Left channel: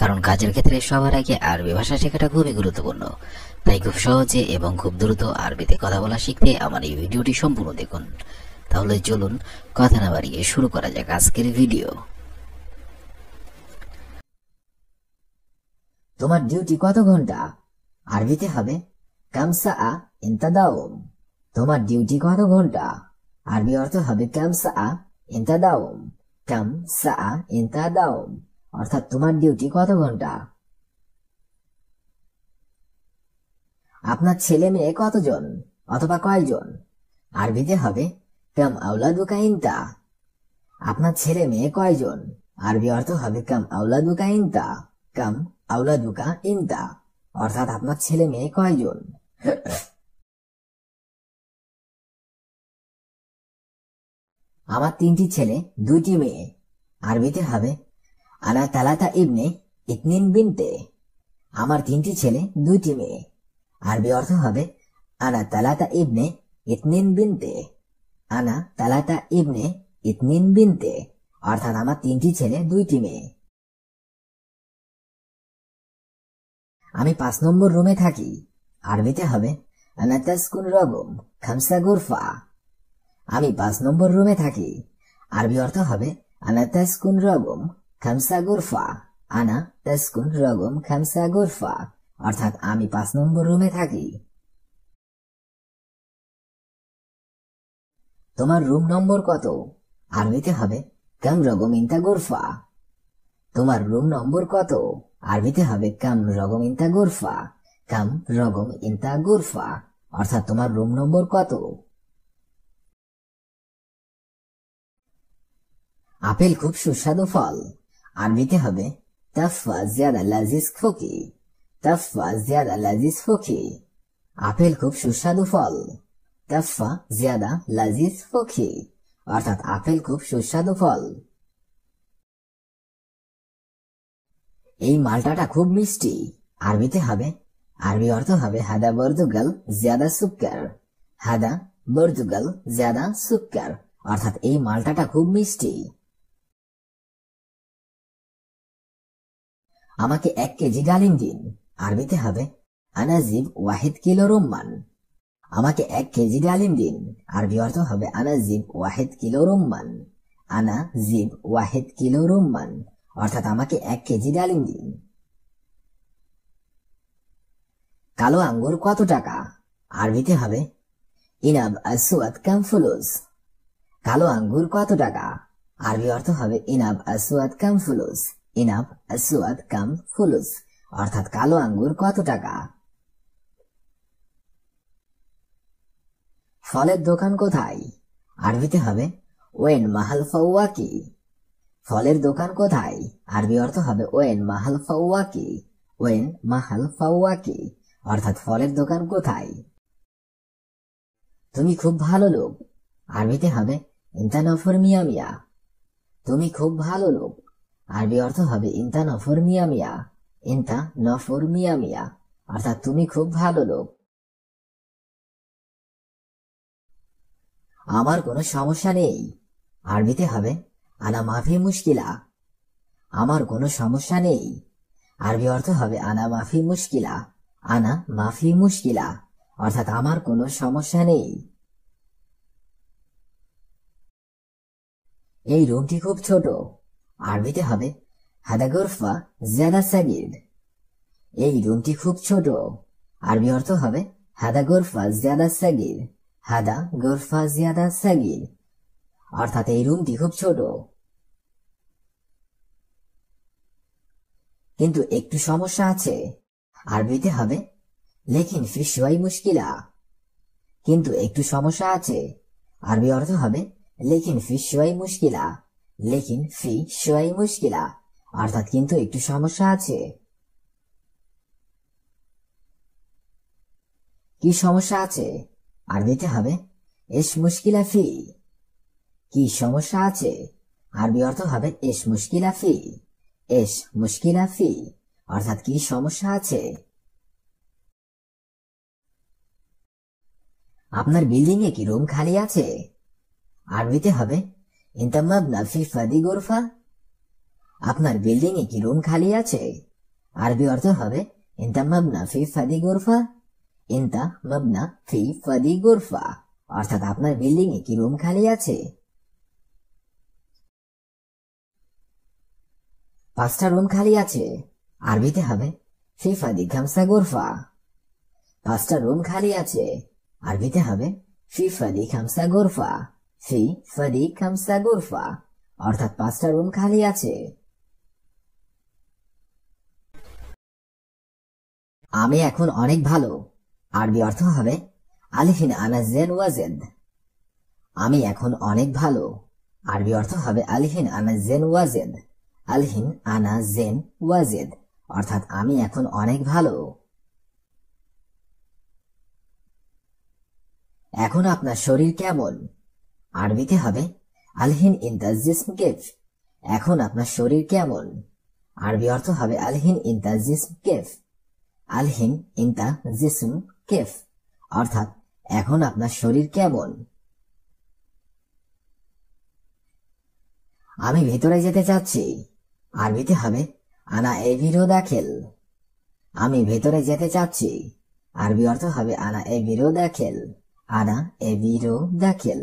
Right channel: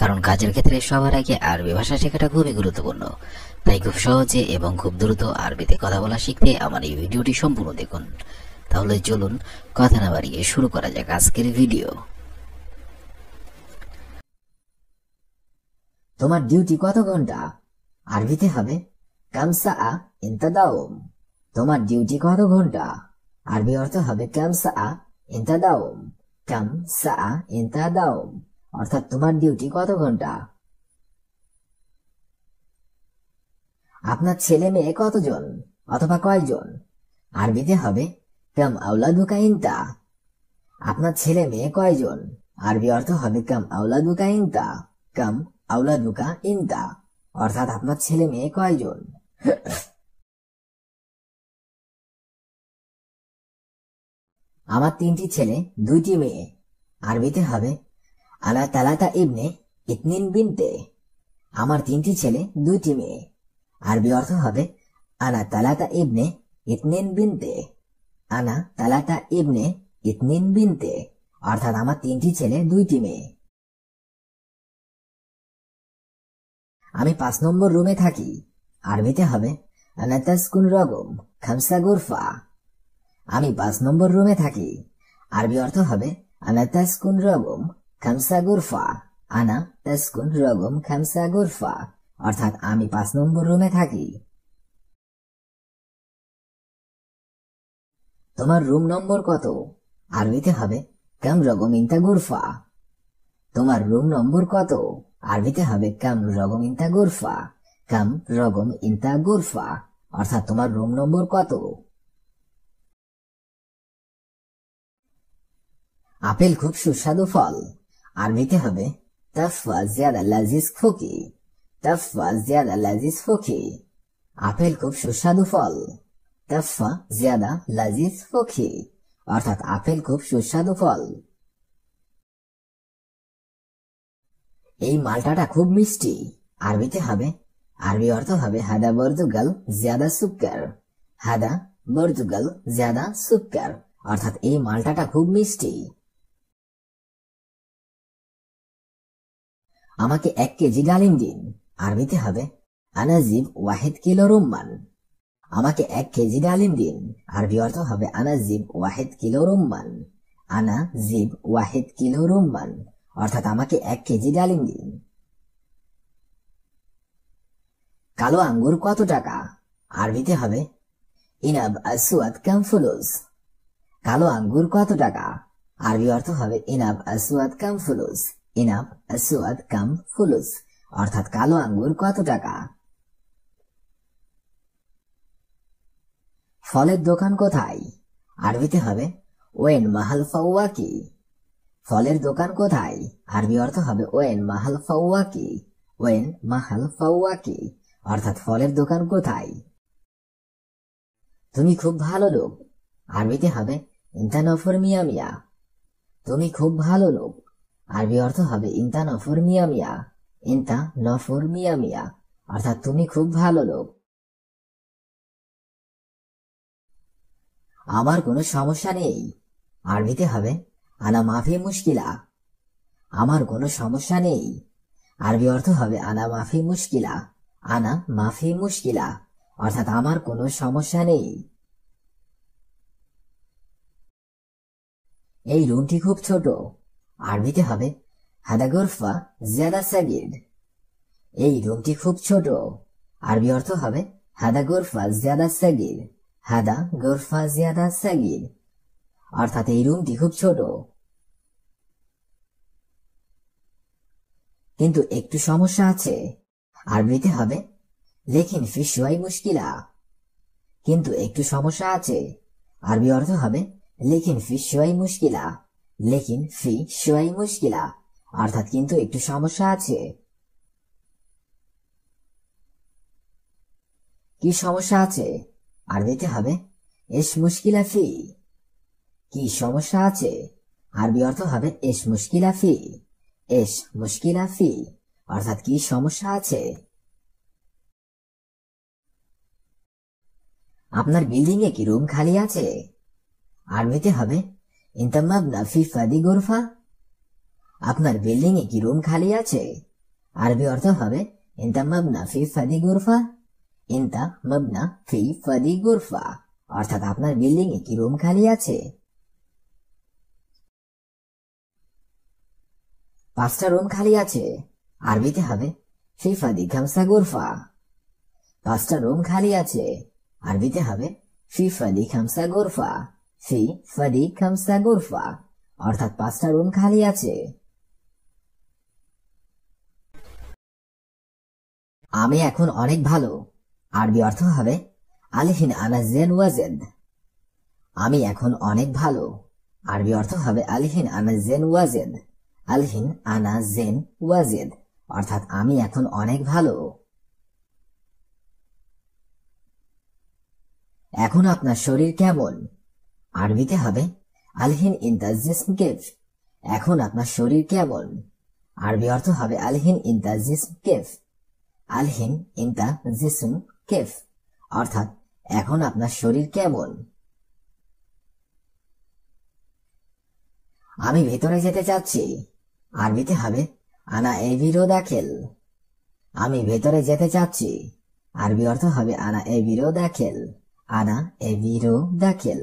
কারণ কাজের ক্ষেত্রে সবার আগে আরবি ভাষা শেখাটা খুবই গুরুত্বপূর্ণ। তাই খুব সহজে এবং খুব দ্রুত আরবিতে কথা বলা শিখতে আমার এই ভিডিওটি সম্পূর্ণ দেখুন। তাহলে চলুন কথা না বাড়িয়ে শুরু করা যাক আজকের ভিডিও। তোমার ডিউটি কত ঘন্টা? আরবিতে হবে কাম সাআ ইনতা দাওম। তোমার ডিউটি কত ঘন্টা? আরবি অর্থ হবে কাম সাআ ইনতা দাওম। কাম সাআ ইনতা দাওম অর্থাৎ তোমার ডিউটি কত ঘন্টা। আপনার ছেলে মেয়ে কতজন অথবা কয়জন? আরবিতে হবে কাম আওলাদুকা ইনতা। আপনার ছেলে মেয়ে কয়জন? আরবি অর্থ হবে কাম আওলাদুকা ইনতা। কাম আওলাদুকা ইনতা অর্থাৎ আপনার ছেলে মেয়ে কয়জন। আমার 3টি ছেলে 2টি মেয়ে। আরবিতে হবে আনা তালাতা ইবনে ইতনিন বিনতে। আমার 3টি ছেলে 2টি মেয়ে। আরবি অর্থ হবে আনা তালাতা ইবনে ইতনিন বিনতে। আনা তালাতা ইবনে ইতনিন বিনতে অর্থাৎ আমার 3টি ছেলে 2টি মেয়ে। আমি 5 নম্বর রুমে থাকি। আরবিতে হবে আনা তাসকুন রগম খামসা গুরফা। আমি 5 নম্বর রুমে থাকি। আরবি অর্থ হবে আনা তাসকুন রগম খামসা গুরফা। আনা তাসকুন রগম খামসা গুরফা অর্থাৎ আমি 5 নম্বর রুমে থাকি। তোমার রুম নম্বর কত? আরবিতে হবে কাম রগম ইনতা গুরফা। তোমার রুম নম্বর কত? আরবিতে হবে কাম রগম ইনতা গুরফা। কাম রগম ইনতা গুরফা অর্থাৎ তোমার রুম নম্বর কত। আপেল খুব সুস্বাদু ফল। আরবিতে হবে তাফা জিয়াদা লাজিজ খুকি। তাফা জিয়াদা লাজিজ খুকি। আপেল খুব সুস্বাদু ফল। তাফা জিয়াদা লাজিজ খুকি অর্থাৎ আপেল খুব সুস্বাদু ফল। এই মালটাটা খুব মিষ্টি। আরবিতে হবে আরবি অর্থ হবে হাদা বর্দুগাল জিয়াদা সুক্কার। হাদা বর্দুগাল জিয়াদা সুক্কার অর্থাৎ এই মালটাটা খুব মিষ্টি। আমাকে 1 কেজি ডালিম দিন। আরবিতে হবে আনাজিব ওয়াহিদ কিলো রুম্মান। আমাকে 1 কেজি ডালিম দিন। আরবি অর্থ হবে আনাজিব ওয়াহিদ কিলো রুম্মান। আনাজিব ওয়াহিদ কিলো রুম্মান অর্থাৎ আমাকে 1 কেজি ডালিম দিন। কালো আঙ্গুর কত টাকা? আরবিতে হবে ইনাব আসওয়াদ কাম ফুলুস। কালো আঙ্গুর কত টাকা? আরবি অর্থ হবে ইনাব আসওয়াদ কাম ফুলুস। ইনাব আসওয়াদ কাম ফুলুস অর্থাৎ কালো আঙ্গুর কত টাকা। ফলের দোকান কোথায়? আরবিতে হবে ওয়েন মাহাল ফাওয়াকি। ফলের দোকান কোথায়? আরবি অর্থ হবে ওয়েন মাহাল ফাওয়াকি। ওয়েন মাহাল ফাওয়াকি অর্থাৎ ফলের দোকান কোথায়। তুমি খুব ভালো লোক। আরবিতে হবে ইনতা নফর মিয়া মিয়া। তুমি খুব ভালো লোক। আরবি অর্থ হবে ইনতা নফর মিয়া মিয়া। ইনতা নফর মিয়া মিয়া অর্থাৎ তুমি খুব ভালো লোক। আমার কোনো সমস্যা নেই। আরবিতে হবে আনা মাফি মুশকিলা। আমার কোনো সমস্যা নেই। আরবি অর্থ হবে আনা মাফি মুশকিলা। আনা মাফি মুশকিলা অর্থাৎ আমার কোনো সমস্যা নেই। এই রুমটি খুব ছোট। আরবিতে হবে হাদা গুরফা জিয়াদা সাগির। এই রুমটি খুব ছোট। আরবি অর্থ হবে হাদা গুরফা জিয়াদা সাগির। হাদা গুরফা জিয়াদা সাগির অর্থাৎ এই রুমটি খুব ছোট। কিন্তু একটু সমস্যা আছে। আরবিতে হবে লেকিন ফি শুয়াই মুশকিলা। কিন্তু একটু সমস্যা আছে। আরবি অর্থ হবে লেকিন ফি শুয়াই মুশকিলা। লেকিন ফি শুয়াই মুশকিলা অর্থাৎ কিন্তু একটু সমস্যা আছে। কি সমস্যা আছে? আরবিতে হবে এস মুশকিলা ফি। কি সমস্যা আছে? আরবি অর্থ হবে এস মুশকিলা ফি। এস মুশকিলা ফি অর্থাৎ কি সমস্যা আছে। আপনার বিল্ডিং এ কি রুম খালি আছে? আরবিতে হবে ইনতা মাবনা ফি ফাদি গুরফা। আপনার বিল্ডিং এ কি রুম খালি আছে? আরবি অর্থ হবে ইনতা মাবনা ফি ফাদি গুরফা। ইনতা মাবনা ফি ফাদি গুরফা, অর্থাৎ আপনার বিল্ডিং এ কি রুম খালি আছে? 5টা রুম খালি আছে, আরবিতে হবে ফি ফাদি খামসা গুরফা। 5টা রুম খালি আছে, আরবিতে হবে ফি ফাদি খামসা গুরফা। ফি ফাদি খামসা গুরফা, অর্থাৎ 5টা রুম খালি আছে। আমি এখন অনেক ভালো, আরবি অর্থ হবে আলিহিন আনা জেন ওয়াজেদ। আমি এখন অনেক ভালো, আরবি অর্থ হবে আলিহিন আনা জেন ওয়াজেদ। আলহিন আনা জেন ওয়াজেদ, অর্থাৎ আমি এখন অনেক ভালো। এখন আপনার শরীর কেমন? আরবিতে হবে আলহিন ইনতা জিসম কেফ। এখন আপনার শরীর কেমন? আরবি অর্থ হবে আলহিন ইনতা জিসম কেফ। আলহিন ইনতা জিসম কেফ, অর্থাৎ এখন আপনার শরীর কেমন? আমি ভেতরে যেতে চাচ্ছি, আরবিতে হবে আনা এভিরো দাখিল। আমি ভেতরে যেতে চাচ্ছি, আরবি অর্থ হবে আনা এভিরো দাখিল। আনা এভিরো দাখিল,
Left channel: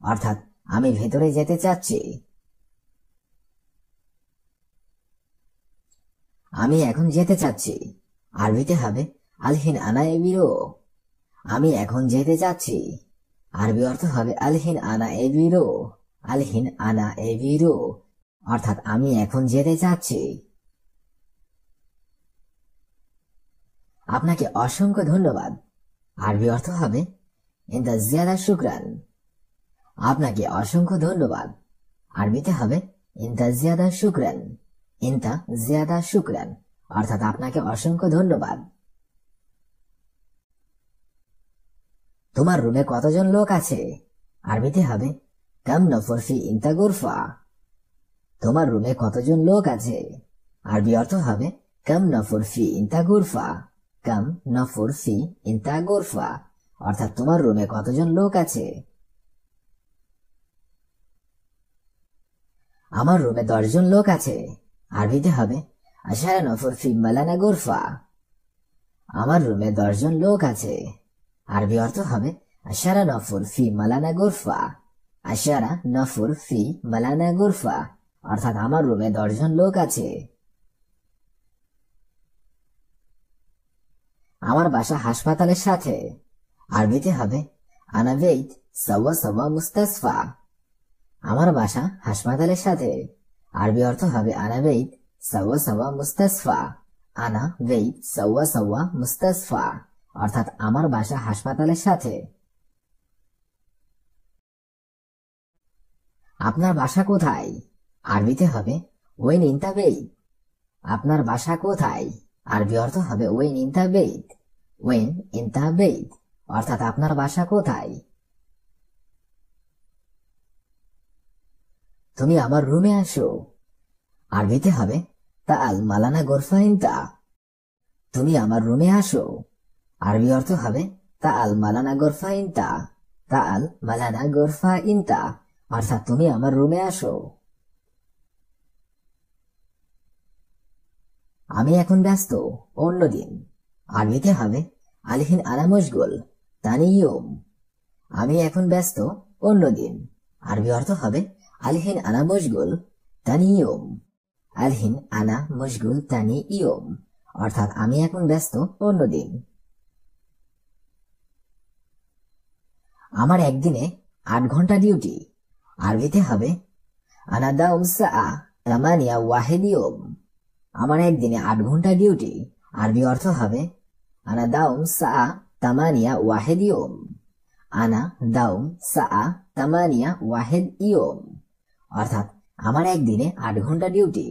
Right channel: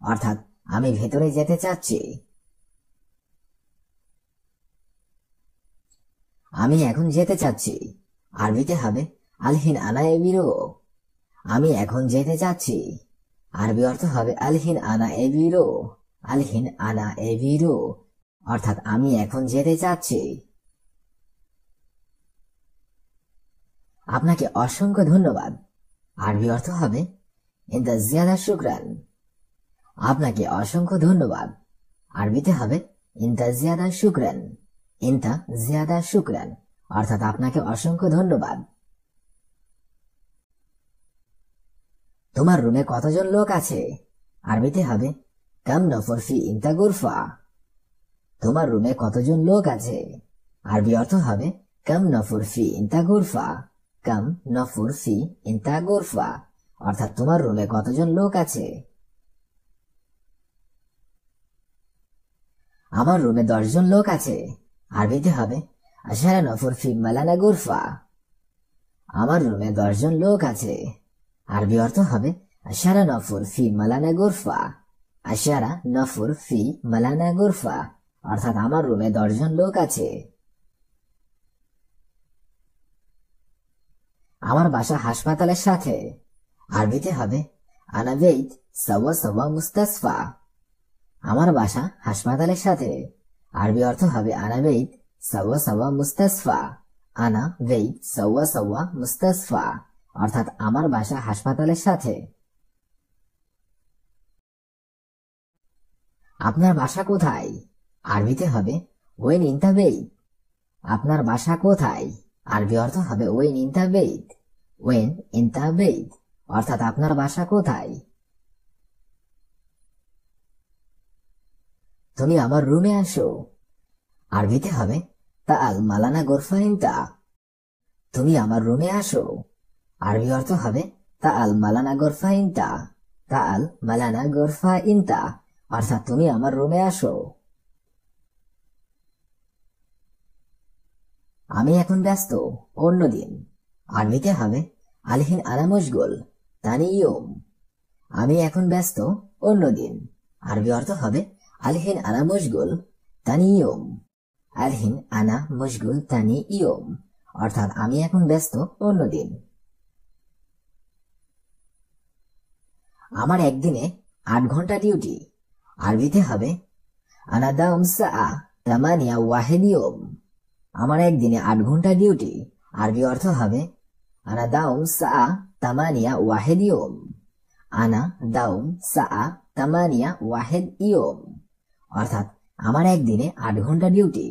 অর্থাৎ আমি ভেতরে যেতে চাচ্ছি। আমি এখন যেতে চাচ্ছি, আরবিতে হবে আলহিন আনা এভিরো। আমি এখন যেতে চাচ্ছি, আরবি অর্থ হবে আলহিন আনা এভিরো। আলহিন আনা এভিরো, অর্থাৎ আমি এখন যেতে চাচ্ছি। আপনাকে অসংখ্য ধন্যবাদ, আরবি অর্থ হবে ইনতা জিয়াদা শুকরান। আপনাকে অসংখ্য ধন্যবাদ, আরবিতে হবে ইনতা জিয়াদা শুকরান। ইনতা জিয়াদা শুকরান, অর্থাৎ আপনাকে অসংখ্য ধন্যবাদ। তোমার রুমে কতজন লোক আছে? আরবিতে হবে কাম নফর ফি ইনতা গুরফা। তোমার রুমে কতজন লোক আছে? আরবি অর্থ হবে কাম নফর ফি ইনতা গুরফা। কাম নফর ফি ইনতা গুরফা, অর্থাৎ তোমার রুমে কতজন লোক আছে? আমার রুমে 10 জন লোক আছে, আরবিতে হবে আশারা নফর ফি মালানা গুরফা। আমার রুমে 10 জন লোক আছে, আরবি অর্থ হবে আশারা নফর ফি মালানা গুরফা। আশারা নফর ফি মালানা গুরফা, অর্থাৎ আমার রুমে 10 জন লোক আছে। আমার বাসা হাসপাতালের সাথে, আরবিতে হবে আনা বেইত সাওয়া সাওয়া মুস্তাসফা। আমার বাসা হাসপাতালের সাথে, আরবি অর্থ হবে আনা বেইত সাওয়া সাওয়া মুস্তাসফা। আনা বেইত সাওয়া সাওয়া মুস্তাসফা, অর্থাৎ আমার বাসা হাসপাতালের সাথে। আপনার বাসা কোথায়? আরবিতে হবে ওয়েন ইনতা বেইত। আপনার বাসা কোথায়? আরবি অর্থ হবে ওয়েন ইনতা বেইত। ওয়েন ইনতা বেইত, অর্থাৎ আপনার বাসা কোথায়? তুমি আমার রুমে আসো, আরবিতে হবে তাআল মালানা গুরফা ইনতা। তুমি আমার রুমে আসো, আরবি অর্থ হবে তাআল মালানা গুরফা ইনতা। তাআল মালানা গুরফা ইনতা, অর্থাৎ তুমি আমার রুমে আসো। আমি এখন ব্যস্ত, অন্যদিন, আরবিতে হবে আলহিন আনা মশগুল তানি ইয়ুম। আমি এখন ব্যস্ত, অন্যদিন, আরবি অর্থ হবে আলহিন আনা মশগুল তানি ইয়ুম। আলহিন আনা মশগুল তানি ইয়ুম, অর্থাৎ আমি এখন ব্যস্ত, অন্যদিন। আমার একদিনে 8 ঘন্টা ডিউটি, আরবিতে হবে আনা দাউম সাআ তামানিয়া ওয়াহিদ ইয়ুম। আমার একদিনে 8 ঘন্টা ডিউটি, আরবি অর্থ হবে আনা দাউম সাআ তামানিয়া ওয়াহিদ ইয়ুম। আনা দাউম সাআ তামানিয়া ওয়াহিদ ইয়ুম, অর্থাৎ আমার একদিনে 8 ঘন্টা ডিউটি।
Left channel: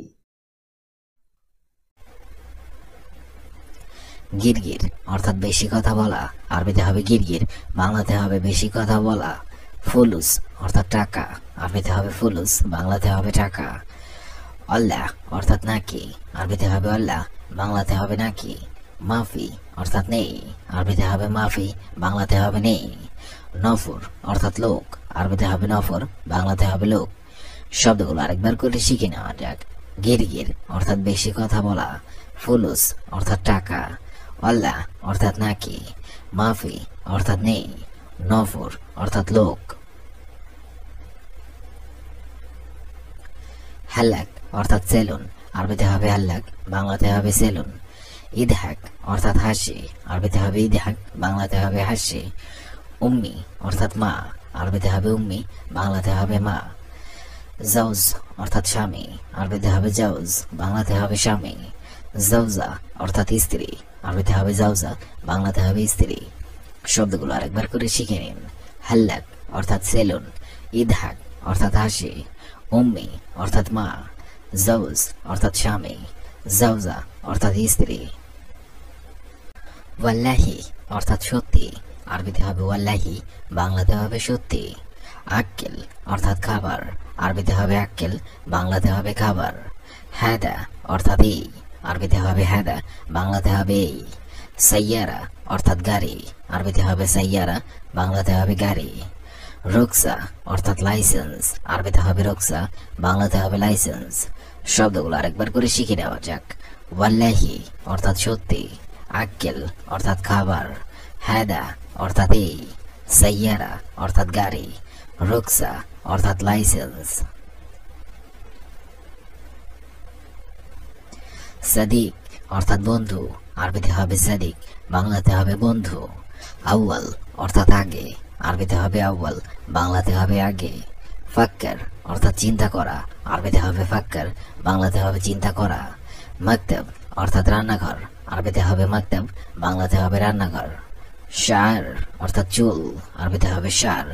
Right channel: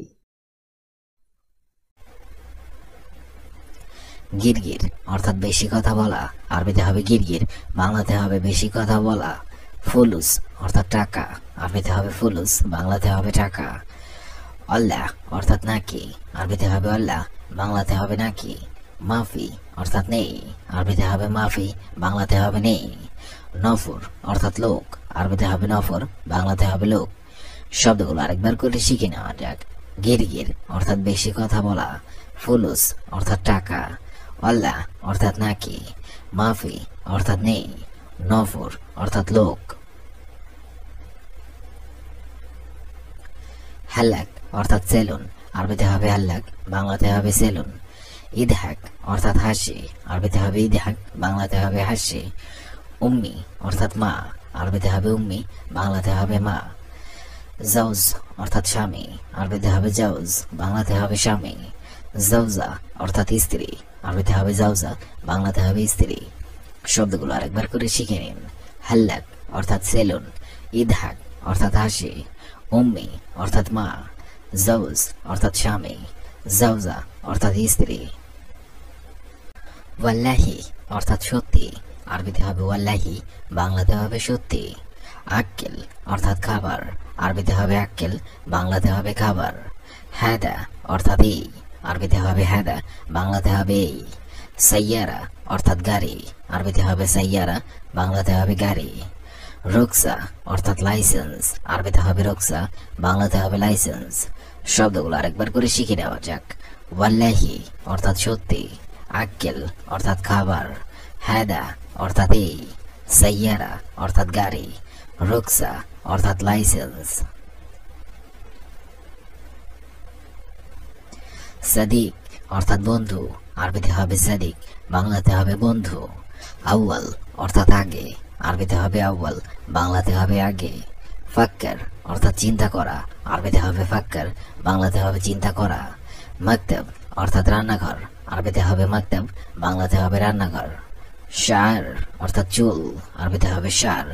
গিরগির অর্থাৎ বেশি কথা বলা, আরবিতে হবে গিরগির, বাংলাতে হবে বেশি কথা বলা। ফুলুস অর্থাৎ টাকা, আরবিতে হবে ফুলুস, বাংলাতে হবে টাকা। আল্লাহ অর্থাৎ নাকি, আরবিতে হবে আল্লাহ, বাংলাতে হবে নাকি। মাফি অর্থাৎ নেই, আরবিতে হবে মাফি, বাংলাতে হবে নেই। নফর অর্থাৎ লোক, আরবিতে হবে নফর, বাংলাতে হবে লোক। শব্দগুলো আরেকবার করে শিখে নেওয়া যাক। গিরগির অর্থাৎ বেশি কথা বলা, ফুলুস অর্থাৎ টাকা, আল্লাহ অর্থাৎ নাকি, মাফি অর্থাৎ নেই, নফর অর্থাৎ লোক। হাল্লাক অর্থাৎ সেলুন, আরবিতে হবে হাল্লাক, বাংলাতে হবে সেলুন। ইদহাক অর্থাৎ হাসি, আরবিতে হবে ইদহাক, বাংলাতে হবে হাসি। উম্মি অর্থাৎ মা, আরবিতে হবে উম্মি, বাংলাতে হবে মা। জাউজ অর্থাৎ স্বামী, আরবিতে হবে জাউজ, বাংলাতে হবে স্বামী। জাউজা অর্থাৎ স্ত্রী, আরবিতে হবে জাউজা, বাংলাতে হবে স্ত্রী। শব্দগুলো আরেকবার করে শিখে নিন। হাল্লাক অর্থাৎ সেলুন, ইদহাক অর্থাৎ হাসি, উম্মি অর্থাৎ মা, জাউজ অর্থাৎ স্বামী, জাউজা অর্থাৎ স্ত্রী। ওয়াল্লাহি অর্থাৎ সত্যি, আরবিতে হবে ওয়াল্লাহি, বাংলাতে হবে সত্যি। আক্কেল অর্থাৎ খাবার, আরবিতে হবে আক্কেল, বাংলাতে হবে খাবার। হাদা অর্থাৎ এই, আরবিতে হবে হাদা, বাংলাতে হবে এই। সাইয়ারা অর্থাৎ গাড়ি, আরবিতে হবে সাইয়ারা, বাংলাতে হবে গাড়ি। রুকসা অর্থাৎ লাইসেন্স, আরবিতে হবে রুকসা, বাংলাতে হবে লাইসেন্স। শব্দগুলো আরেকবার করে শিখে নেওয়া যাক। ওয়াল্লাহি অর্থাৎ সত্যি, আক্কেল অর্থাৎ খাবার, হাদা অর্থাৎ এই, সাইয়ারা অর্থাৎ গাড়ি, রুকসা অর্থাৎ লাইসেন্স। সাদিক অর্থাৎ বন্ধু, আরবিতে হবে সাদিক, বাংলাতে হবে বন্ধু। আউয়াল অর্থাৎ আগে, আরবিতে হবে আউয়াল, বাংলাতে হবে আগে। ফাক্কার অর্থাৎ চিন্তা করা, আরবিতে হবে ফাক্কার, বাংলাতে হবে চিন্তা করা। মাকতাব অর্থাৎ রান্নাঘর, আরবিতে হবে মাকতাব, বাংলাতে হবে রান্নাঘর। শার অর্থাৎ চুল, আরবিতে হবে শার,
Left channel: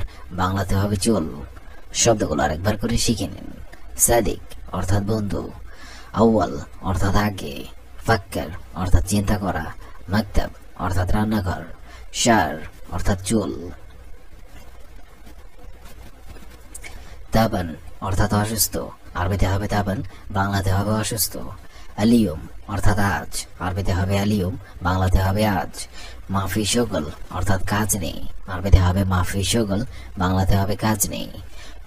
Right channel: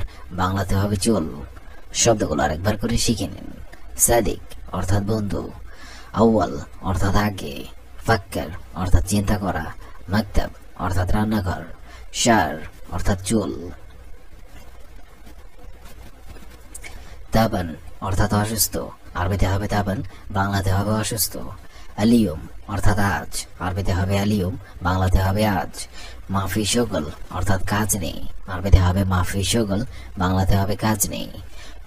বাংলাতে হবে চুল। শব্দগুলো আরেকবার করে শিখে নিন। সাদিক অর্থাৎ বন্ধু, আউয়াল অর্থাৎ আগে, ফাক্কার অর্থাৎ চিন্তা করা, মাকতাব অর্থাৎ রান্নাঘর, শার অর্থাৎ চুল। তাবান অর্থাৎ অসুস্থ, আরবিতে হবে তাবান, বাংলাতে হবে অসুস্থ। আলিয়ম অর্থাৎ আজ, আরবিতে হবে আলিয়ম, বাংলাতে হবে আজ। মাফি শগল অর্থাৎ কাজ নেই, আরবিতে হবে মাফি শগল, বাংলাতে হবে কাজ নেই।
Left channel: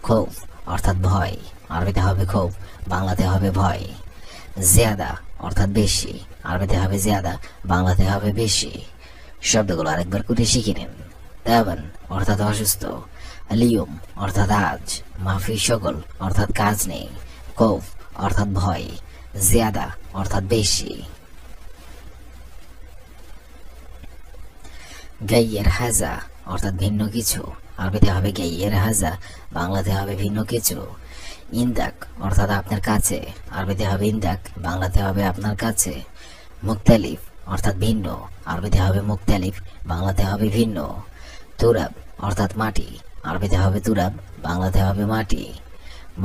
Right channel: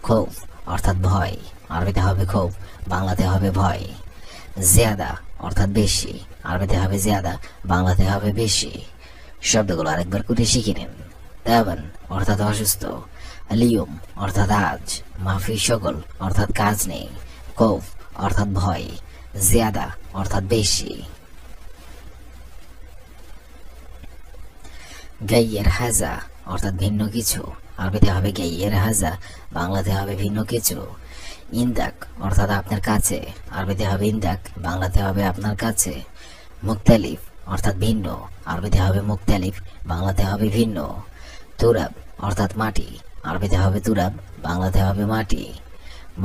খৌফ অর্থাৎ ভয়, আরবিতে হবে খৌফ, বাংলাতে হবে ভয়। জিয়াদা অর্থাৎ বেশি, আরবিতে হবে জিয়াদা, বাংলাতে হবে বেশি। শব্দগুলো আরেকবার করে শিখে নিন। তাবান অর্থাৎ অসুস্থ, আলিয়ম অর্থাৎ আজ, মাফি শগল অর্থাৎ কাজ নেই, খৌফ অর্থাৎ ভয়, জিয়াদা অর্থাৎ বেশি। গাইয়ের হাজা অর্থাৎ ভিন্ন কিছু, আরবিতে হবে গাইয়ের হাজা, বাংলাতে হবে ভিন্ন কিছু। ইন্দাক অর্থাৎ আপনার কাছে, আরবিতে হবে ইন্দাক, বাংলাতে হবে আপনার কাছে। মুক্তালিফ অর্থাৎ ভিন্ন, আরবিতে হবে মুক্তালিফ, বাংলাতে হবে ভিন্ন। তুরাব অর্থাৎ মাটি, আরবিতে হবে তুরাব, বাংলাতে হবে মাটি।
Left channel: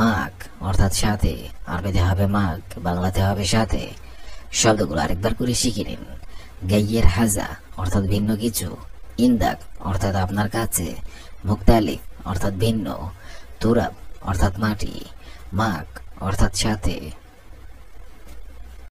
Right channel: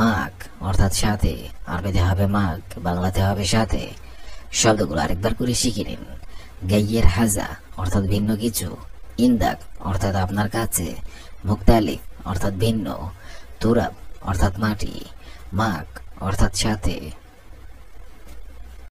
মাক অর্থাৎ সাথে, আরবিতে হবে মাক, বাংলাতে হবে সাথে। শব্দগুলো আরেকবার করে শিখে নিন। গাইয়ের হাজা অর্থাৎ ভিন্ন কিছু, ইন্দাক অর্থাৎ আপনার কাছে, মুক্তালিফ অর্থাৎ ভিন্ন, তুরাব অর্থাৎ মাটি, মাক অর্থাৎ সাথে।